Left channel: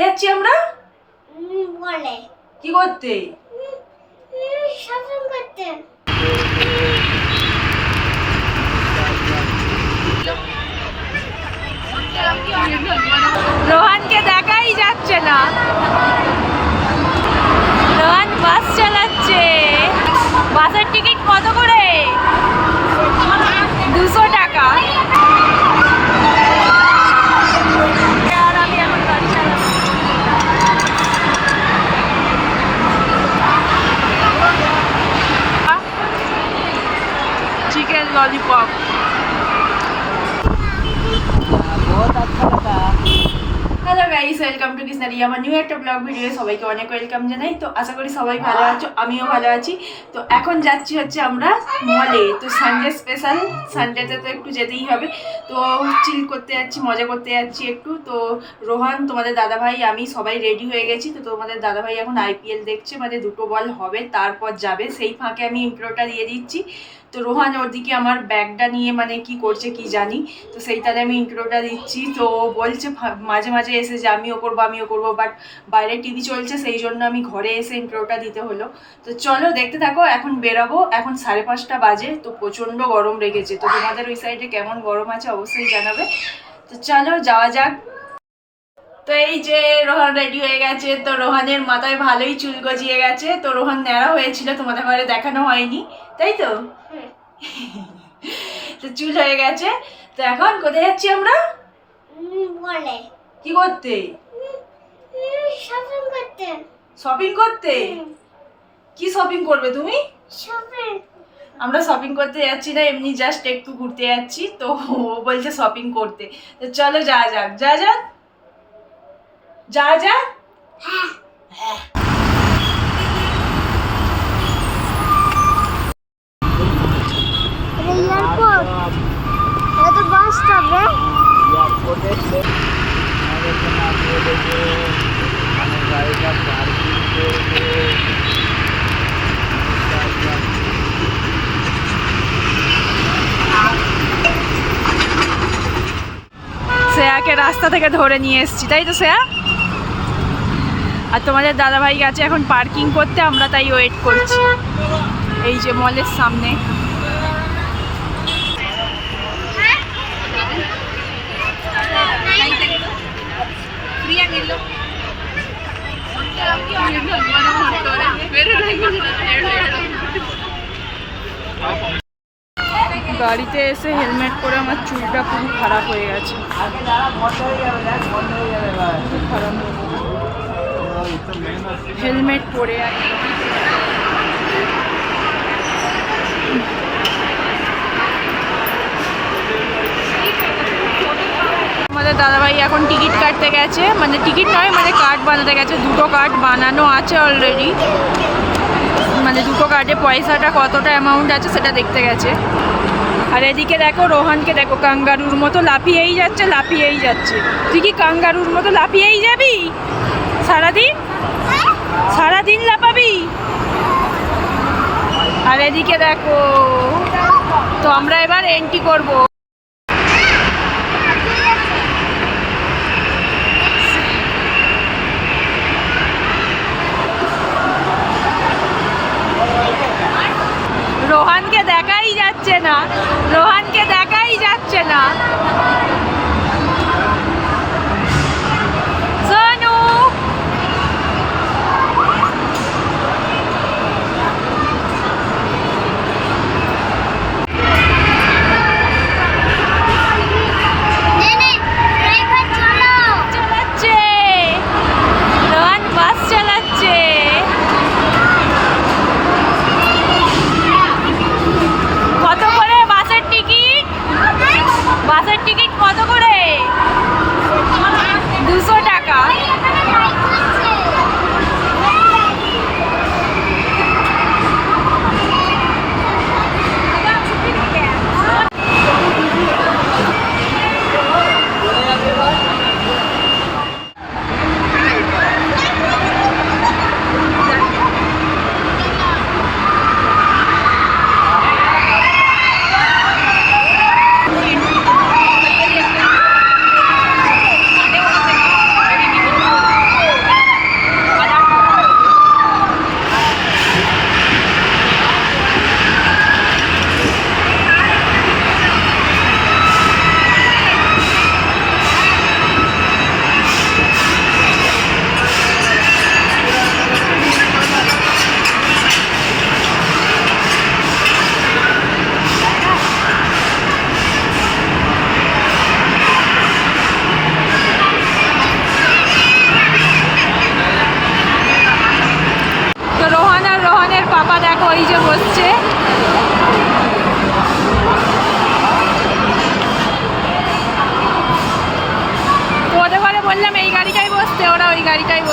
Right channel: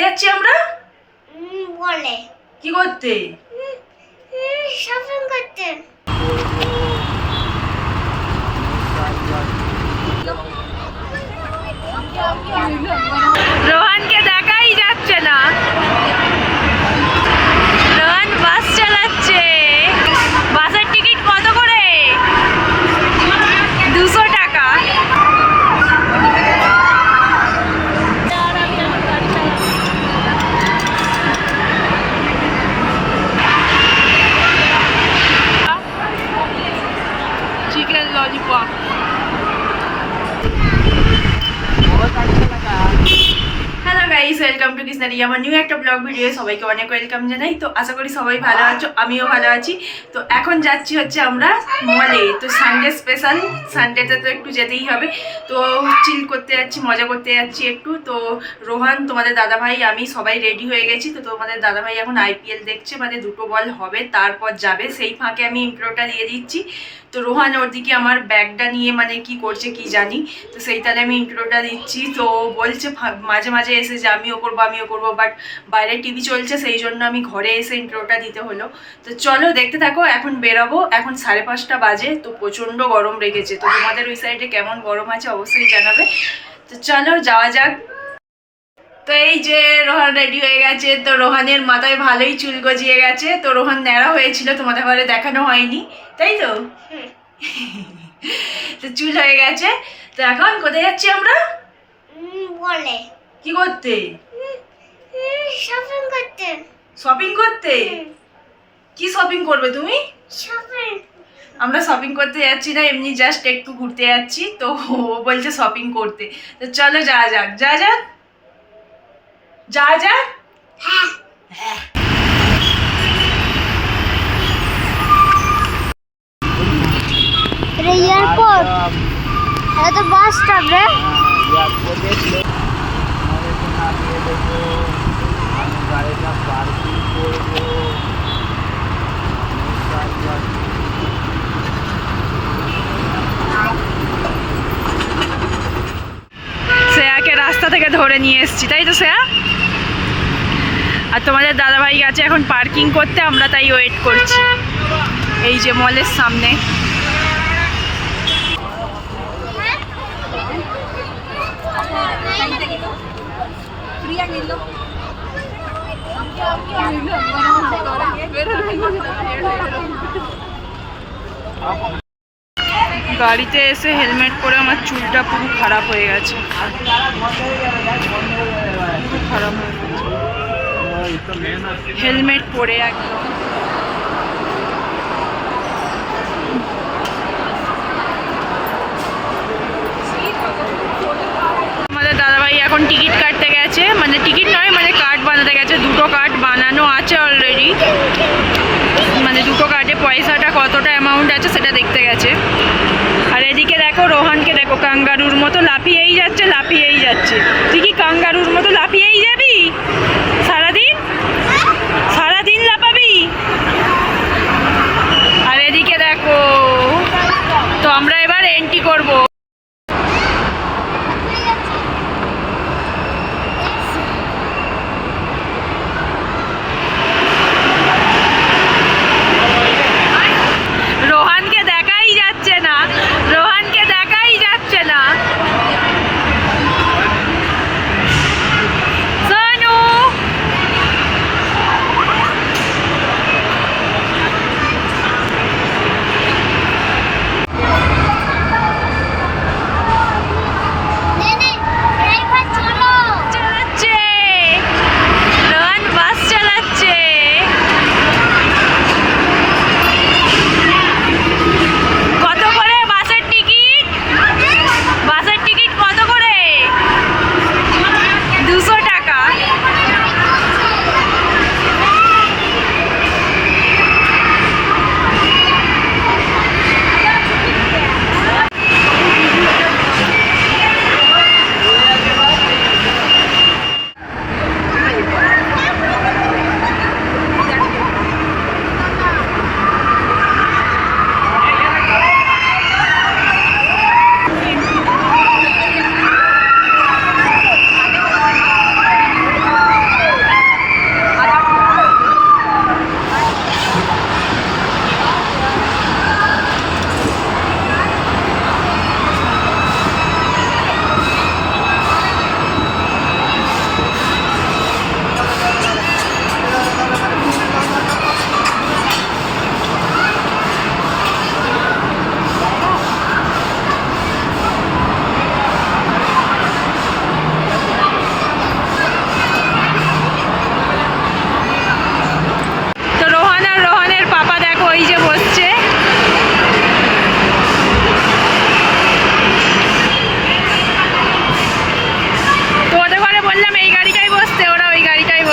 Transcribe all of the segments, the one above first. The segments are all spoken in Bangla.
যাচ্ছি আমরা বলে কি করতে? শপিং করতে। রোহানকে দেখাই যাচ্ছে না। রোহান বাস চালাচ্ছে। বাসের টিকিট কত করে? 200 টাকা। Chicken lollipop hello guys, welcome to কৃষ্ণারি। আমার নিউ একটা ব্লগ ভিডিও সবাইকে অনেক ওয়েলকাম জানাই। তো আশা করি সবাই ভালো আছো, আমিও ভালো আছি। তো এখন যাচ্ছি হচ্ছে আমরা মলে। তো সানডে স্পেশাল, সানডেতে তো একটু যেতেই হবে। তো চিল করতে যাচ্ছি, মজা করতে যাচ্ছি একটু। তো রোহান, তোমাদের দাদাভাই, আমি সবাই রেডি হয়ে গেছি। তো তোমাদের দাদাভাই এখন আইপিএল দেখছে, মানে দুটো বল হবে তারপর যাবে। সেই ফাঁকে আমি ইন্ট্রোটা দিয়ে দিচ্ছি। তো রোহান ওরদিকে আমার ব্যাগটা নিয়ে মানে কি করছে কি জানি। তো সেই তাহলে আমি ইন্ট্রোটা দিচ্ছি। তো বলছে মাঝে মাঝে এসে যে আমিও করবো, বাট বাইরে টিভি চলছে, সেই জন্য আমি ঘরে এসে ইন্ট্রোটা দিতে হলো। তো চলো দেখতে থাকো। এখন বেরোবো, এখন 5:30 বাজে। তো প্রচণ্ড গরম রেখেছে। তো তোমাদের ওই সাইডে কেমন গরম আছে অবশ্যই জানাবে। তো চলো যাওয়া যাক। তো এই যে রোহান রেডি হয়ে গেছে। তো রোহানের মাথায় ভালোই চুল গজিয়ে গেছে। তো রোহান ন্যাড়া হয়েছিল, তোমাদের ঘরে দেখানো হয়নি, তাই তো? তো চুল হয়ে গেছে। তো এখন কোথায় যাচ্ছি আমরা? বলে কি করতে? শপিং করতে। শপিং করতে? কি শপিং করবে তুমি? শপিং। আমরা শপিং করতে যাচ্ছি না, এমনি জাস্ট একটু ঘুরতে যাচ্ছি। তো ও বলছে শপিং করতে। তো চলো যাওয়া যাক। হ্যাঁ এয়ারপোর্ট, এটা তো বাস স্টপ রে। শ্রেয়াকে রাস্তা থেকে ধরে নিয়ে এসেছি, তাই তো শ্রেয়া? আর তোমাদের দাদাভাই গেছে এখন পার্কিং করতে, আমরা তাই ওয়েট করছি এই যে মলের সামনে। গাড়িতে এসে হেলমেট পরে আমার চুলটা পুরো খারাপ হয়ে গেছে, খারাপ হয়ে গেছে হেলমেট পরে একদম। আমাদের দাদাভাই এখন টিকিট কাটতে গেছে, মানে টিকিট নয়, মানে কার্ড বানাতে গেছে। দুটো কার্ড বানানো আছে অলরেডি, মানে দুটো কার্ডে পয়সাটা কতটা অ্যামাউন্ট আছে সেটা দেখতে গেছে। আর এদিকে দেখো রোহানকে দেখো, কাঙ্গারুর মতো লাফিয়েই যাচ্ছে। তুই কি কাঙ্গারুর মতো লাফিয়েই যাবি সারাদিন লাফাবি? আর এদিকে দেখো, তো আমরা এবার এন্ট্রি করব। রোহানকে দেখাই যাচ্ছে না। সোনু,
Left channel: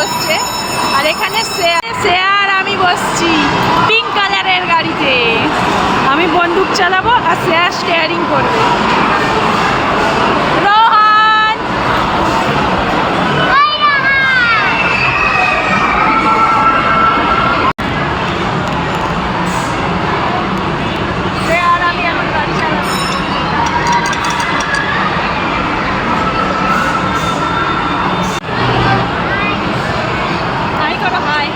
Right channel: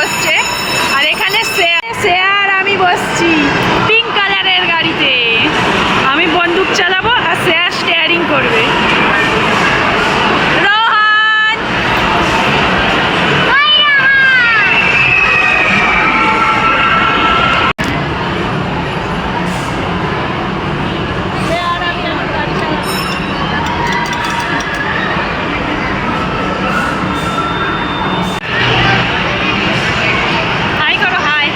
বসছে, আর এখানে শ্রেয়া আর আমি বসছি পিঙ্ক কালারের গাড়িতে। আমি বন্দুক চালাবো আর শ্রেয়া স্টিয়ারিং করবে। রোহান শ্রেয়া আর আমি এখন গাড়ি চালাবো। হাই করো, হাই।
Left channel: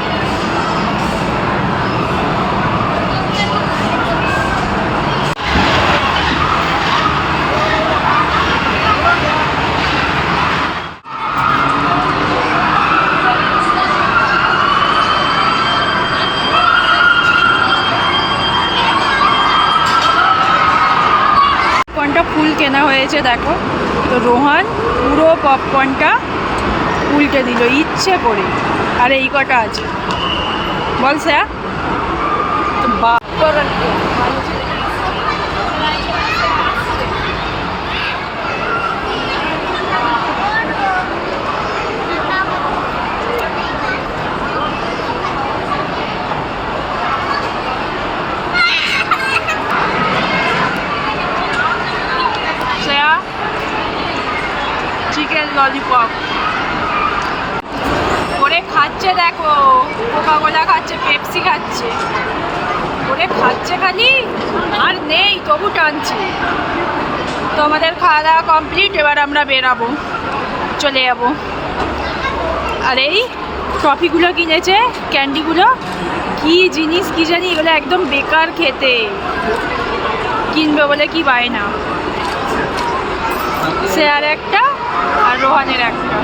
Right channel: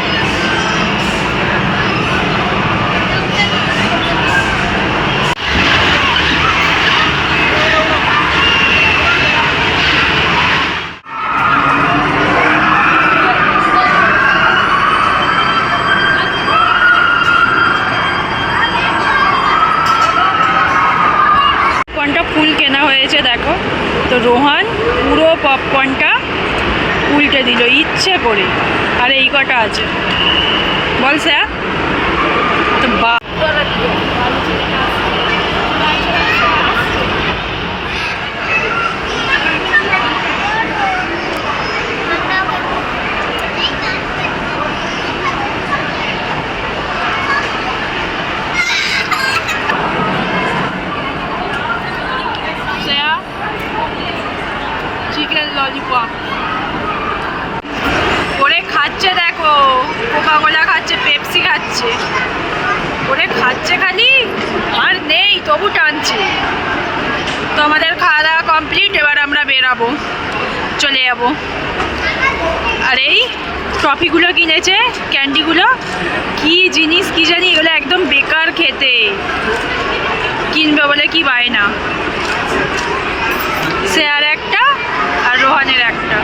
পপকর্নটা ফুল কেনা হয়েছে দেখো। তো রোহান পুরো পপকর্নটা উল্টে দিল ইচ্ছে করে, আর এই কটা আছে বল স্যার। তো বা চিকেন ললিপপ করে খাচ্ছে দেখো, কোকা কোলা খাচ্ছে, পেপসি খাচ্ছে, করে খাচ্ছে খালি, আর নেই তবু টানছে। তো আমাদের খাওয়া দাওয়া কমপ্লিট, এবার আমরা বেরাবো, চলে যাবো। আর এই টফিগুলো কিনেছে, ক্যান্ডিগুলো কি জিনিস কি জানি, এগুলো একদম বেকার খেতে, কিনবে বলে কি বায়না। শ্রেয়ার একটা আর রোহানের একটা।